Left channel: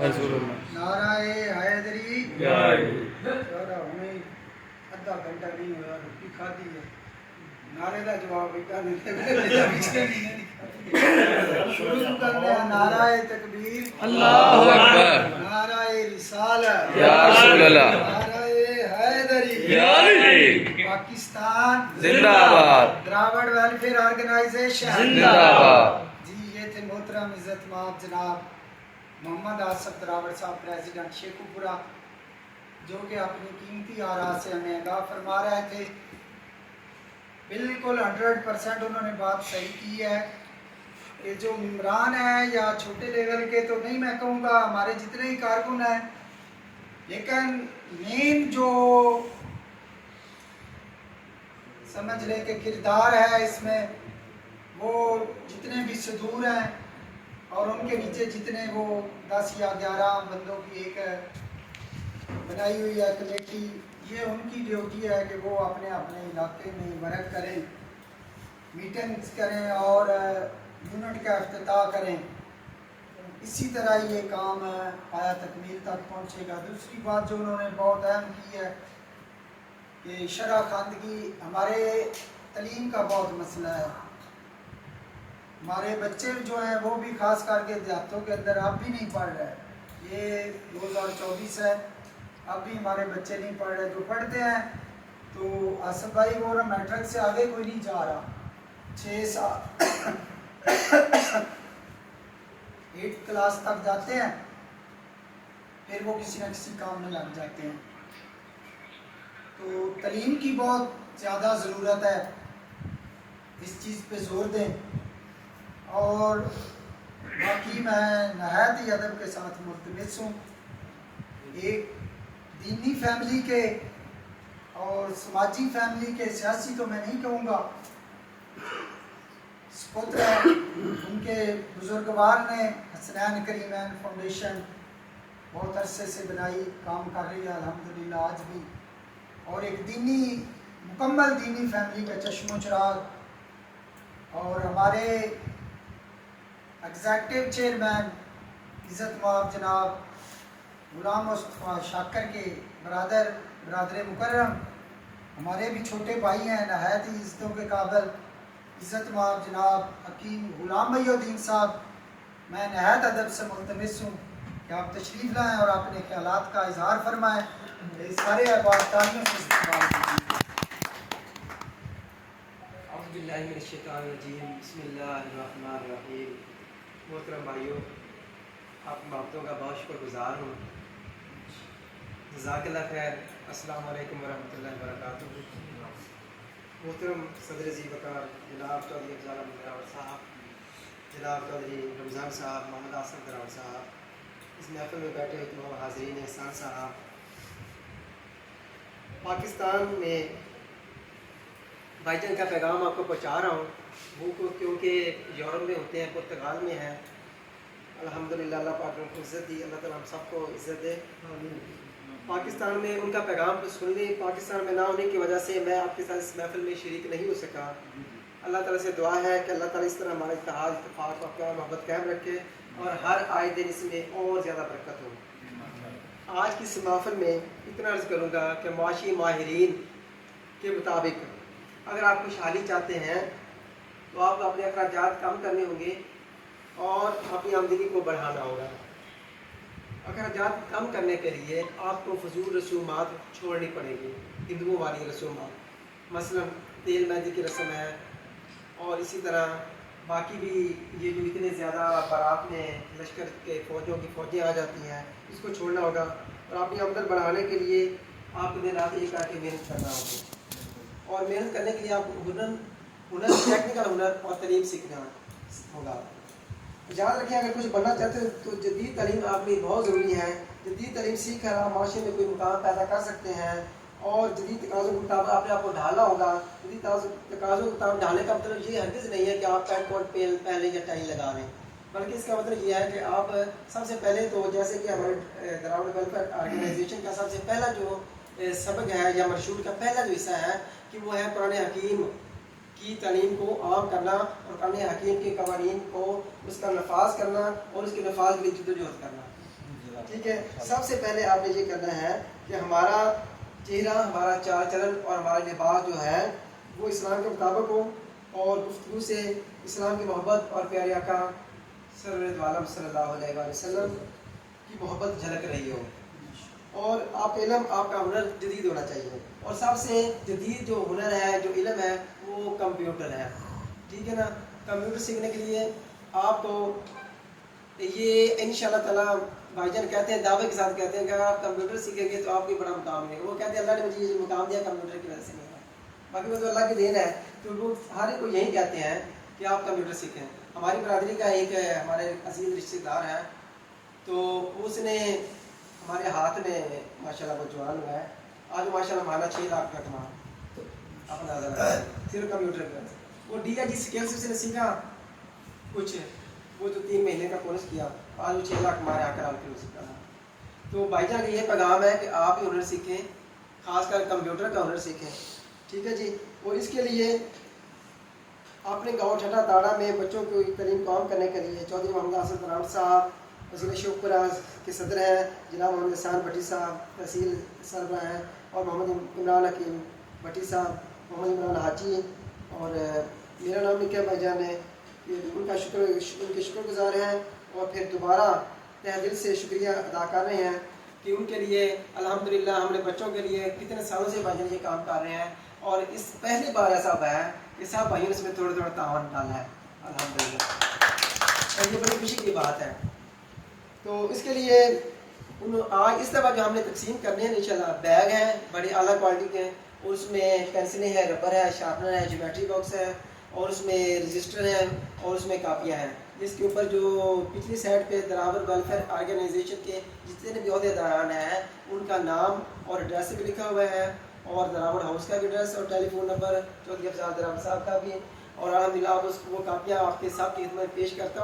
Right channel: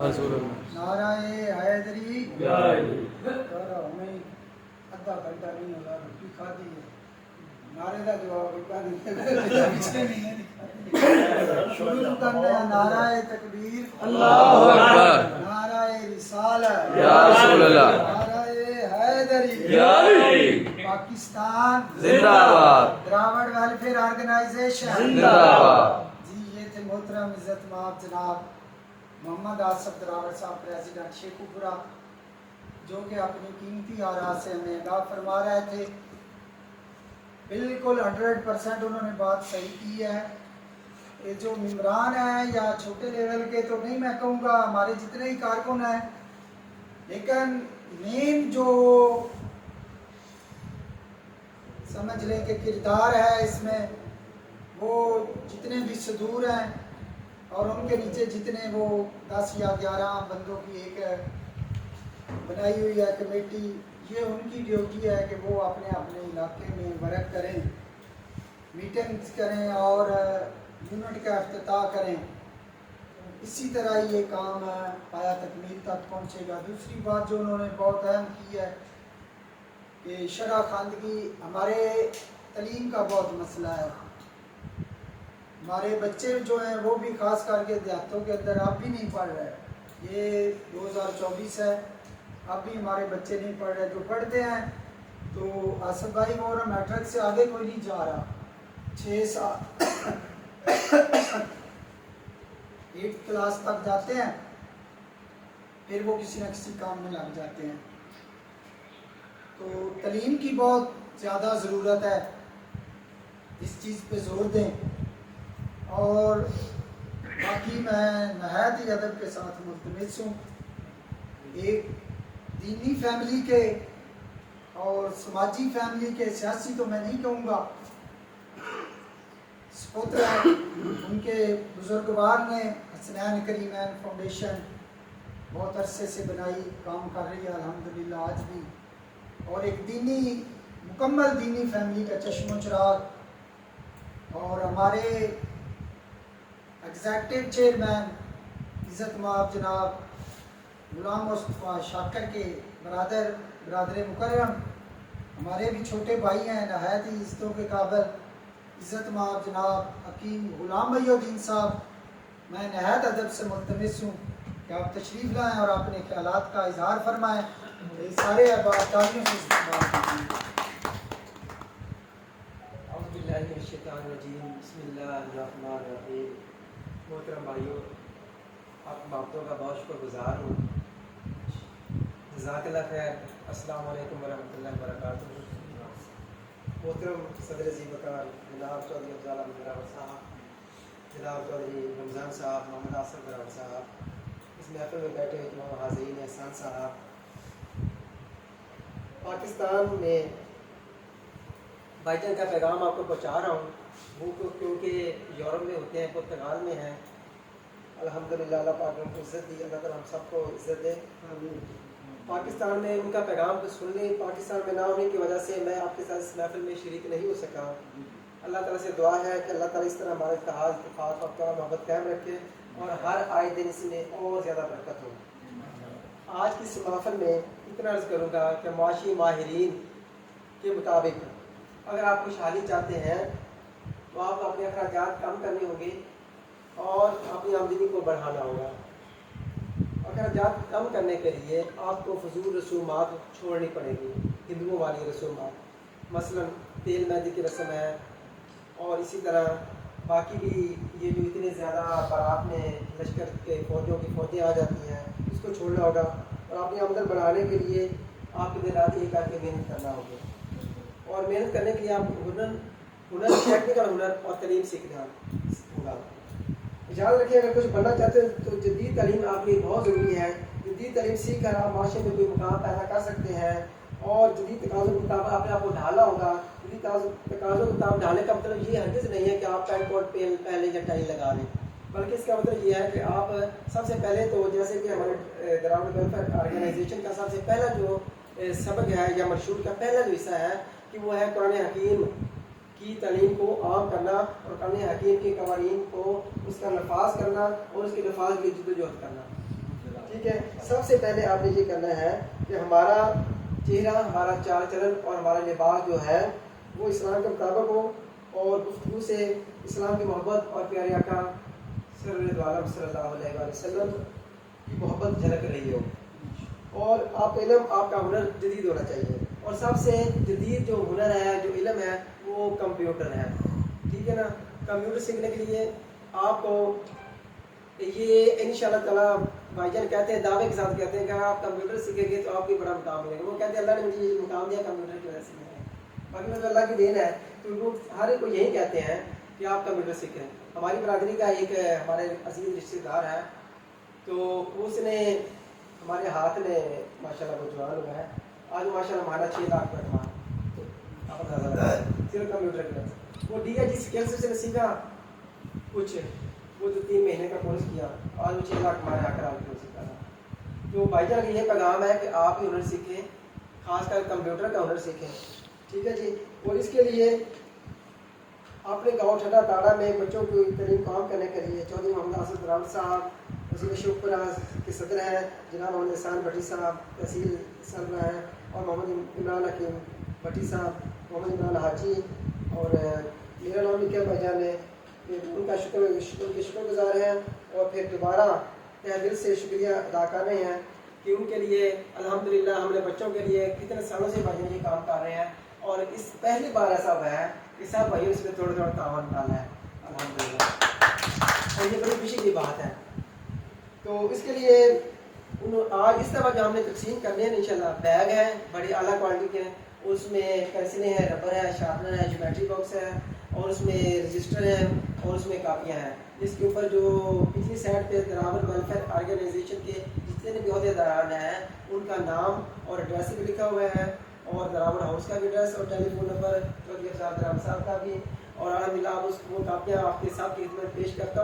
नाराए हैदरी हमें अद्धा घंटा नहीं हुआ रोटी खा दी है नारे का जवाब शुरू करते हैं नाराए तकबीर अल्लाहु अकबर नाराए रिसालत या रसूल अल्लाह नाराए हैदरी या अली पाकिस्तान जिंदाबाद द्राविड़ वेलफेयर ऑर्गेनाइजेशन जिंदाबाद। जी ये थे मोहतरम इज्जत माब जनाब मोहम्मद आसफ द्राविड़ साहब प्रेसिडेंट शेखुपुरा जो कि अपनी कीमती आरा से हमें आगाह फरमा रहे थे। बिल्कुल 100% उन्होंने बात सही की है। ये जो इमरान है या छोटे लेवल के तो नहीं मैं कहूँगा, हमारे जितने ही कारकुन हैं, लेकिन मेन जो समझ लें कि किरदार है इसमें, वो जितने भी सदूर हैं और उनके नीचे जितने वो 10 या 11 बंदों की एक बनाई हुई है कमेटी, ये उनकी ड्यूटी है कि वो अपने अपने इलाके में वर्क करें, मीटिंग्स करें और यूनिट का इफ्तिताह करें। इसी तरह ये काम पाया तकमील तक पहुँचेगा। दूसरी बात जो उन्होंने बहुत अहम की है कि शरह खानदगी, हमारे तलीम का बहुत मसला है। हमारे बच्चे जो हैं वो भी खास करके देहातों के अंदर अब भी नहीं पढ़ रहे। ये 2024 है, अब भी हमारे बच्चे नहीं पढ़ रहे। जो पढ़ते हैं तो आसफ भाई वो ना मैट्रिक से आगे कोई नहीं जा रहा। 6 साल 8th क्लास तक जाते हैं, फिर वो किसी न किसी काम में लग जाते हैं। तो तलीम की बहुत ज़्यादा ज़रूरत है, इस चीज़ पे ज़ोर दें। और बाकी मैं नहायत ही अदब के साथ मुल्तमस हूँ एक दीनी फैमिली के और समाजी फैमिली के, सियासी तो मैं नहीं कहूँगा, सपुत्र उनके बुजुर्गवार ने हसनैन करीमैन फाउंडेशन बहुत अरसे से बनाई, काम कर रही है अल्हम्दुलिल्लाह आज भी। और एक दीनी मुकम्मल दीनी फैमिली का चश्मो चिराग। और हमारे एग्जेक्टिव चेयरमैन इज़्ज़त माब जनाब गुलाम मुस्तफ़ा शाकर के बरादर मुकर्रम, हमारे भी छोटे भाई हैं, नहायत ही इज़्ज़तों के काबिल इज़्ज़त माब जनाब हकीम गुलाम महीउद्दीन साहब, मैं नहायत अदब से मुल्तमस हूँ कि आप तशरीफ़ लाएँ और अपने ख्यालात का इजहार फरमाएँ। ये सारे अहबाब तालियों से इस्तेमाल कीजिए। बिस्मिल्लाहिर्रहमानिर्रहीम। मोहतरम भाइयों, आप मोहब्बतों का बहुत शुक्रगुजार हूँ। जज़ाकल्लाह खैर। अस्सलाम वालेकुम वरहमतुल्लाहि वबरकातुहू। मोहतरम सदर ज़ीबकार जनाब चौधरी अफज़ल अहमद द्राविड़ साहब, जनाब चौधरी रमज़ान साहब, मोहम्मद आसफ द्राविड़ साहब, इस महफ़िल में बैठे तमाम हाज़रीन एहसान साहब, पाकिस्तान में भाईजान का पैगाम आपको पहुँचा रहा हूँ। वो क्योंकि यूरोप में होते हैं, पुर्तगाल में हैं। अल्हम्दुलिल्लाह अल्लाह पाक ने उनको इज़्ज़त दी, अल्लाह ताला हम सबको इज़्ज़त दे। पाकिस्तान में उनका पैगाम तो सुनने, पाकिस्तान में ना होने की वजह से मैं आपके साथ इस महफिल में शरीक नहीं हो सका। अल्लाह ताला से दुआ है कि अल्लाह ताला इस तरह हमारे इत्तेहाद, इत्तेफाक और प्यार मोहब्बत कायम रखे और हर आए दिन इसमें और ज़्यादा बरकत हो। आज की इस महफिल में इतना अर्ज़ करूँगा कि माशी माहिरीन के मुताबिक अगर आप खुशहाली चाहते हैं तो आप अपने अखराजात कम करने होंगे और अपनी आमदनी को बढ़ाना होगा। अखराजात कम करने के लिए आपको फजूल रसूमात छोड़नी पड़ेगी, हिंदुओं वाली रसूमात, मसलन तेल मेहंदी की रस्म है और इसी तरह बाकी भी ये जो इतने ज़्यादा बारात में लश्कर के फौजियों की फ़ौजें आ जाती हैं, इसको छोड़ना होगा। और अपनी आमदन बढ़ाने के लिए आपको दिन रात एक करके मेहनत करना होगी। और मेहनत करने के लिए आप हुनर टेक्निकल हुनर और तलीम सीखना होगा। याद रखें, अगर कुछ बनना चाहते हैं तो जदीद तालीम आपके लिए बहुत ज़रूरी है। जदीद तालीम सीख कर आप माशरे में कोई मुकाम पैदा कर सकते हैं और जदीद तकाज़ों के मुताबिक आपने आपको ढाला होगा। जदीद तकाज़ों के मुताबिक ढालने का मतलब ये हरगिज़ नहीं है कि आप पैंट कोट पहले या टाई लगा लें, बल्कि इसका मतलब ये है कि आप सबसे पहले तो जैसे कि हमारे द्राविड़ वेलफेयर ऑर्गेनाइजेशन का सबसे पहला जो सबक है या मशहूर का पहला जो हिस्सा है कि वो है कुरान हकीम की तालीम को आम करना और कुरान हकीम के कवानीन को उसका नफाज करना और उसके नफाज के लिए जद्दोजहद करना। ٹھیک ہے. سب سے پہلے آپ نے یہ کرنا ہے کہ ہمارا چہرہ، ہمارا چال چلن اور ہمارا لباس جو ہے وہ اسلام کے مطابق ہو، اور گفتگو سے اسلام کی محبت اور پیارے آقا صلی اللہ علیہ وسلم کی محبت جھلک رہی ہو. اور آپ کا علم، آپ کا ہنر جدید ہونا چاہیے. اور سب سے جدید جو ہنر ہے، جو علم ہے، وہ کمپیوٹر ہے. ٹھیک ہے نا. کمپیوٹر سیکھنے کے لیے آپ کو یہ انشاءاللہ تعالیٰ بھائی جان کہتے ہیں، دعوے کے ساتھ کہتے ہیں کہ آپ کمپیوٹر سیکھیں گے تو آپ کو بڑا مقام ملے گا. وہ کہتے ہیں اللہ نے مجھے یہ مقام دیا کمپیوٹر کی وجہ سے ملا ہے. باقی میں تو اللہ کی دین ہے. تو لوگ ہر ایک کو یہی کہتے ہیں کہ آپ کمپیوٹر سیکھیں. ہماری برادری کا ایک ہمارے عزیز رشتہ دار ہے، تو اس نے ہمارے ہاتھ میں ماشاءاللہ وہ جوان ہوا ہے. آج ماشاءاللہ ہمارا 6 لاکھ کا کما آپ اندازہ لگائیں صرف کمپیوٹر کی وجہ سے. وہ ڈی آئی جی اسکل سے اس نے سیکھا کچھ، وہ جو 3 مہینے کا کورس کیا، آج وہ 6 لاکھ ہمارے آ کر آپ کو سیکھا تھا. تو بھائی جان کا یہ پیغام ہے کہ آپ ہی ہنر سیکھیں، خاص کر کمپیوٹر کا ہنر سیکھیں. ٹھیک ہے جی. اور اس کے لیے اپنے گاؤں ٹھٹا تاڑا میں بچوں کو ترین کام کرنے کے لیے چودھری محمد حسن راؤ صاحب وزیر شوپورہ کے صدر ہیں، جناب محمد احسان بھٹی صاحب تحصیل سربراہ ہیں، اور محمد عمران حکیم بھٹی صاحب، محمد عمران حاجی، اور میرا نام نکیا بھائی جان ہے. ان کا شکر گزار ہیں، اور پھر دوبارہ تہ دل سے شکریہ ادا کر رہے ہیں کہ ان کے لیے الحمدللہ ہم نے بچوں کے لیے کتنے سالوں سے بھائی یہ کام کر رہے ہیں. اور اس پہلی بار ایسا ہوا ہے کہ سب بھائیوں نے اس میں تھوڑا تھوڑا تعاون ڈالا ہے الحمدللہ، اور یہ بڑی خوشی کی بات ہے. تو اس کے لیے آج اس دفعہ جو ہم نے تقسیم کرنے ہیں انشاءاللہ بیگ ہیں بڑی اعلیٰ کوالٹی کے، اور اس میں پینسلیں ہیں، ربر ہے، شارپنر ہے، جیومیٹری باکس ہے، اور اس میں رجسٹر ہیں، اور اس میں کاپیاں ہیں. اس کے اوپر جو پچھلی سائڈ پہ دراور ویلفیئر آرگنائزیشن کے جتنے بھی عہدیداران ہیں ان کا نام اور ایڈریس بھی لکھا ہوا ہے، اور دراور ہاؤس کا بھی ایڈریس اور ٹیلی فون نمبر چودھری افضال دراور صاحب کا بھی. اور الحمدللہ وہ کاپیاں آپ کے ساتھ خدمت پیش کرتا ہوں.